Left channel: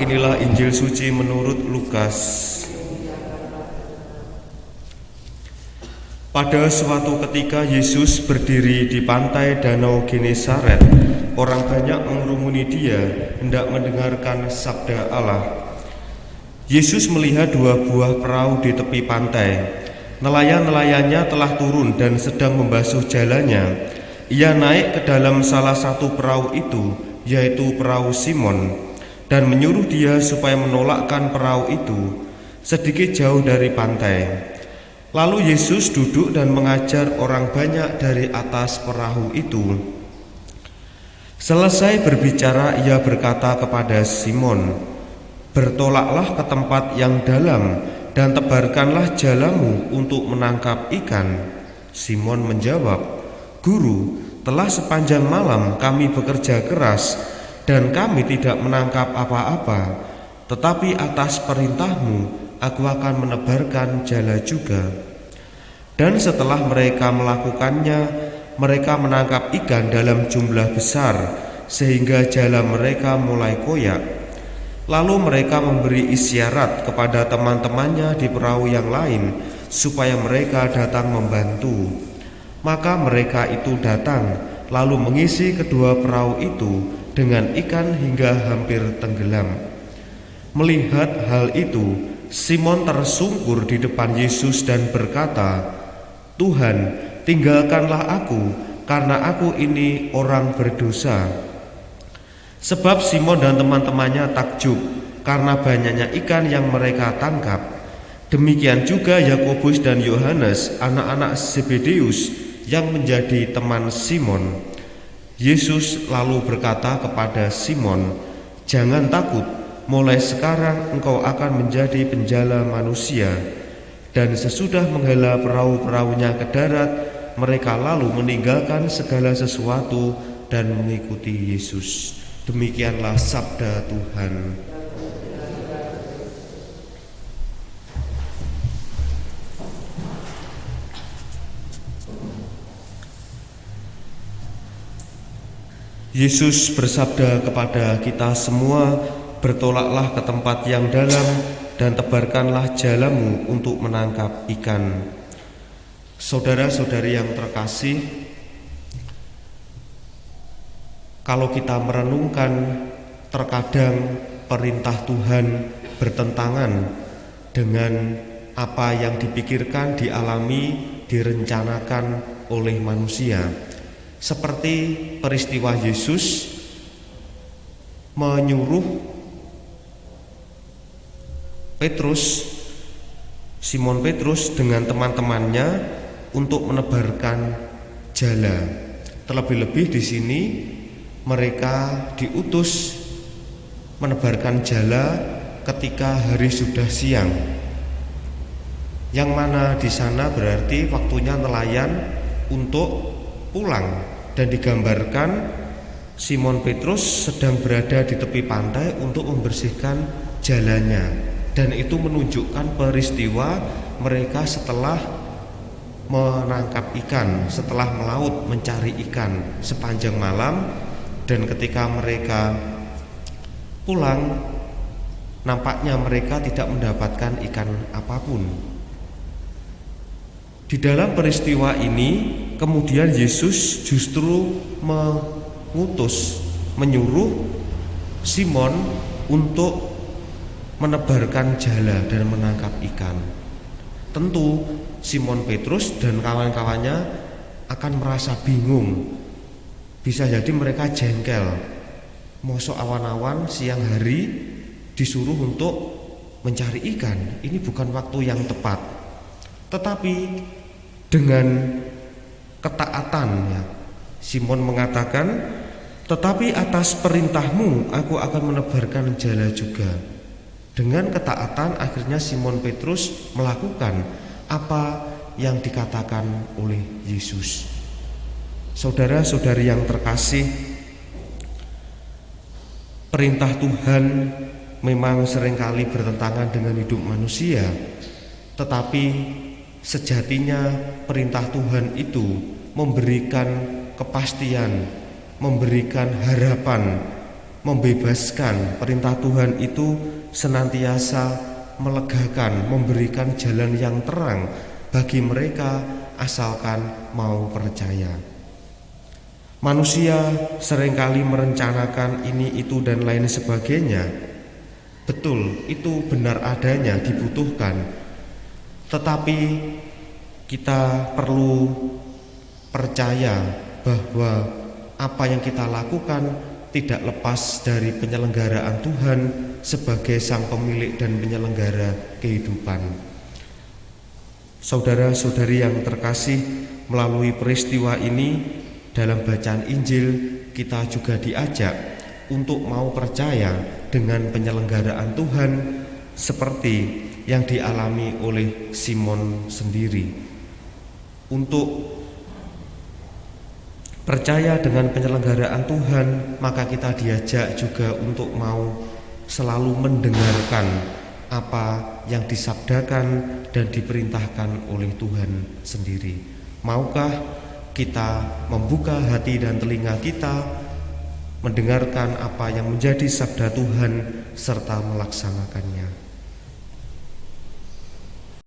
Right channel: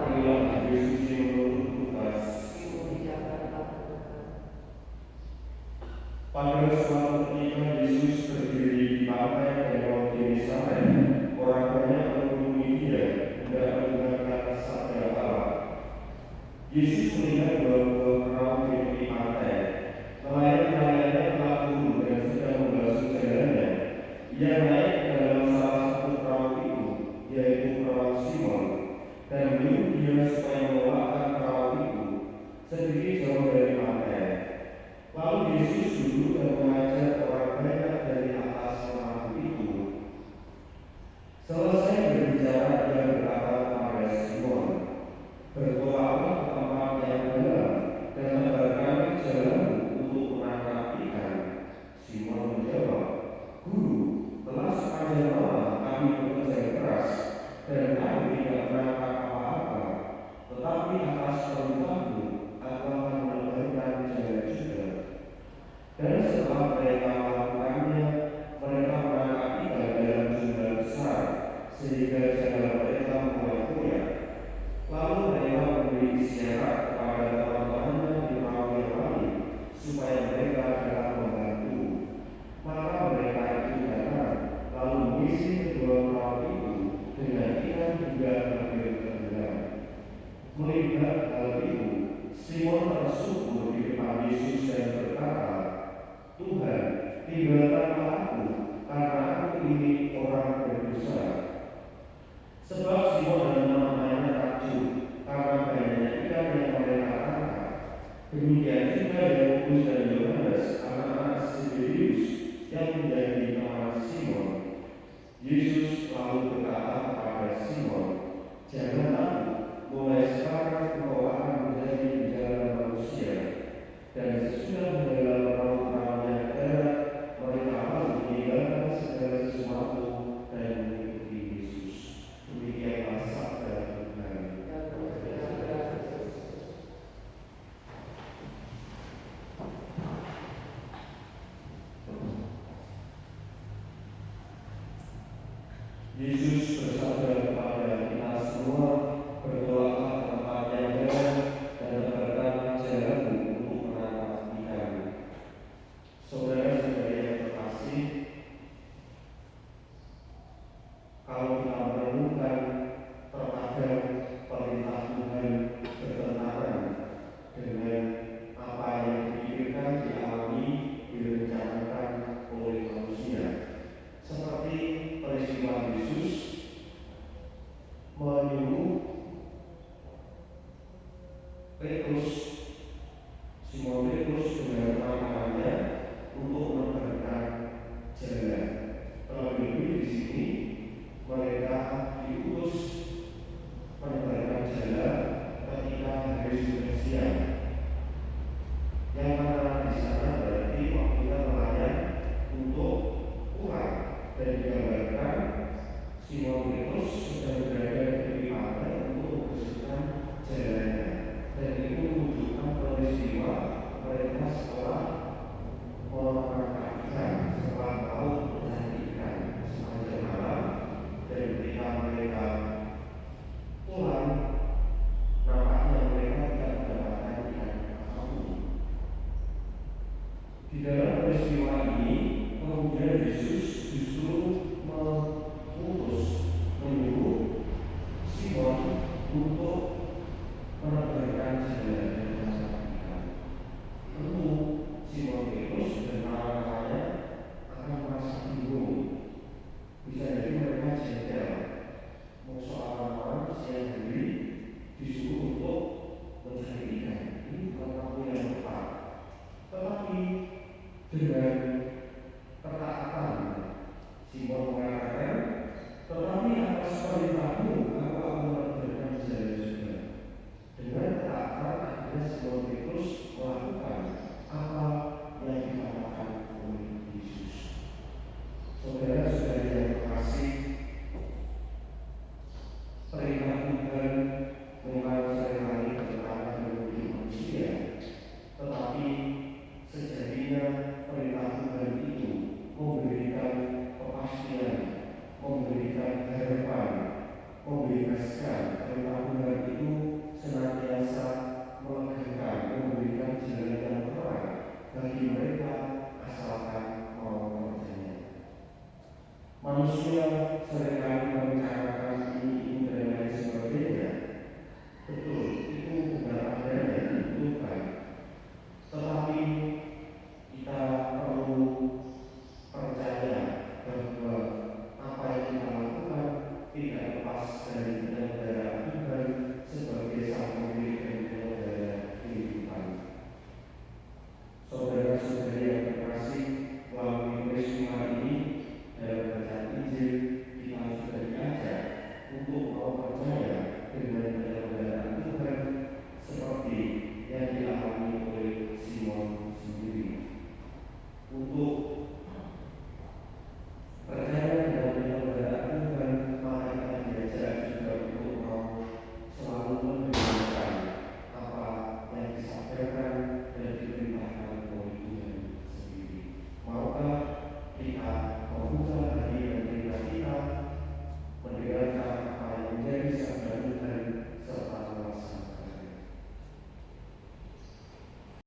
Inilah Injil suci menurut Lukas. Pada suatu ketika Yesus berdiri di pantai Danau Genesaret. Orang banyak mengerumuni dia hendak mendengarkan sabda Allah. Yesus melihat dua buah perahu di tepi pantai. Nelayan-nelayannya telah turun dan sedang membasuh jalannya. Ia naik ke dalam salah satu perahu itu, yaitu perahu Simon, dan menyuruh dia supaya menolakkan perahu itu sedikit jauh dari pantai. Lalu Yesus duduk dan mengajar orang banyak dari atas perahu itu. Selesai berbicara, ia berkata kepada Simon, "Bertolaklah ke tempat yang dalam dan tebarkanlah jalamu untuk menangkap ikan." Simon menjawab, "Guru, telah sepanjang malam kami bekerja keras dan kami tidak menangkap apa-apa, tetapi atas perintahmu aku akan menebarkan jala juga." Dan setelah mereka melakukannya, mereka menangkap ikan dalam jumlah besar sehingga jala mereka mulai koyak. Lalu mereka memberi isyarat kepada teman-temannya di perahu yang lain supaya mereka datang membantu. Maka mereka itu datang, lalu mengisi kedua perahu itu dengan ikan hingga hampir tenggelam. Melihat hal itu, Simon tersungkur di depan Yesus dan berkata, "Tuhan, tinggalkanlah aku, karena aku ini orang berdosa." Sebab Simon dan teman-temannya takjub karena banyaknya ikan yang mereka tangkap. Demikian juga Yakobus dan Yohanes, anak-anak Zebedeus, yang menjadi teman Simon. Yesus lalu berkata kepada Simon, "Jangan takut, mulai sekarang engkau akan menjadi penjala manusia." Dan sesudah menghela perahu-perahunya ke darat, mereka lalu meninggalkan segala sesuatu dan mengikuti Yesus. Demikianlah sabda Tuhan. Yesus bersabda kepada kita semua, "Bertolaklah ke tempat yang dalam dan tebarkanlah jalamu untuk menangkap ikan." Saudara-saudari yang terkasih, kalau kita merenungkan, terkadang perintah Tuhan bertentangan dengan apa yang dipikirkan, dialami, direncanakan oleh manusia. Seperti peristiwa Yesus menyuruh Simon Petrus dengan teman-temannya untuk menebarkan jala. Terlebih-lebih di sini mereka diutus menebarkan jala ketika hari sudah siang. Yang mana di sana berarti waktunya nelayan untuk pulang, dan digambarkan Simon Petrus sedang berada di tepi pantai untuk membersihkan jalannya. Dan itu menunjukkan peristiwa mereka setelah menangkap ikan, setelah melaut mencari ikan sepanjang malam. Dan ketika mereka pulang, nampaknya mereka tidak mendapatkan ikan apapun. Di dalam peristiwa ini kemudian Yesus justru menyuruh Simon untuk menebarkan jala dan menangkap ikan. Tentu Simon Petrus dan kawan-kawannya akan merasa bingung. Bisa jadi mereka jengkel. Mosok awan-awan siang hari disuruh untuk mencari ikan. Ini bukan waktu yang tepat. Tetapi dengan ketaatannya, Simon mengatakan, "Tetapi atas perintahmu aku akan menebarkan jala juga." Dengan ketaatan akhirnya Simon Petrus melakukan apa yang dikatakan oleh Yesus. Saudara-saudari yang terkasih, perintah Tuhan memang seringkali bertentangan dengan hidup manusia. Tetapi sejatinya perintah Tuhan itu memberikan kepastian, memberikan harapan membebaskan. Perintah Tuhan itu senantiasa melegakan, memberikan jalan yang terang bagi mereka asalkan mau percaya. Manusia seringkali merencanakan ini, itu, dan lain sebagainya. Betul, itu benar adanya, dibutuhkan. Tetapi kita perlu percaya bahwa apa yang kita lakukan tidak lepas dari penyelenggaraan Tuhan sebagai sang pemilik dan penyelenggara kehidupan. Saudara-saudari yang terkasih, melalui peristiwa ini dalam bacaan Injil kita juga diajak untuk mau percaya dengan penyelenggaraan Tuhan seperti yang dialami oleh Simon sendiri. Untuk percaya dengan penyelenggaraan Tuhan, maka kita diajak juga untuk mau selalu mendengarkan apa yang disabdakan dan diperintahkan oleh Tuhan sendiri. Maukah kita membuka hati dan telinga kita, mendengarkan apa yang menjadi sabda Tuhan serta melaksanakannya?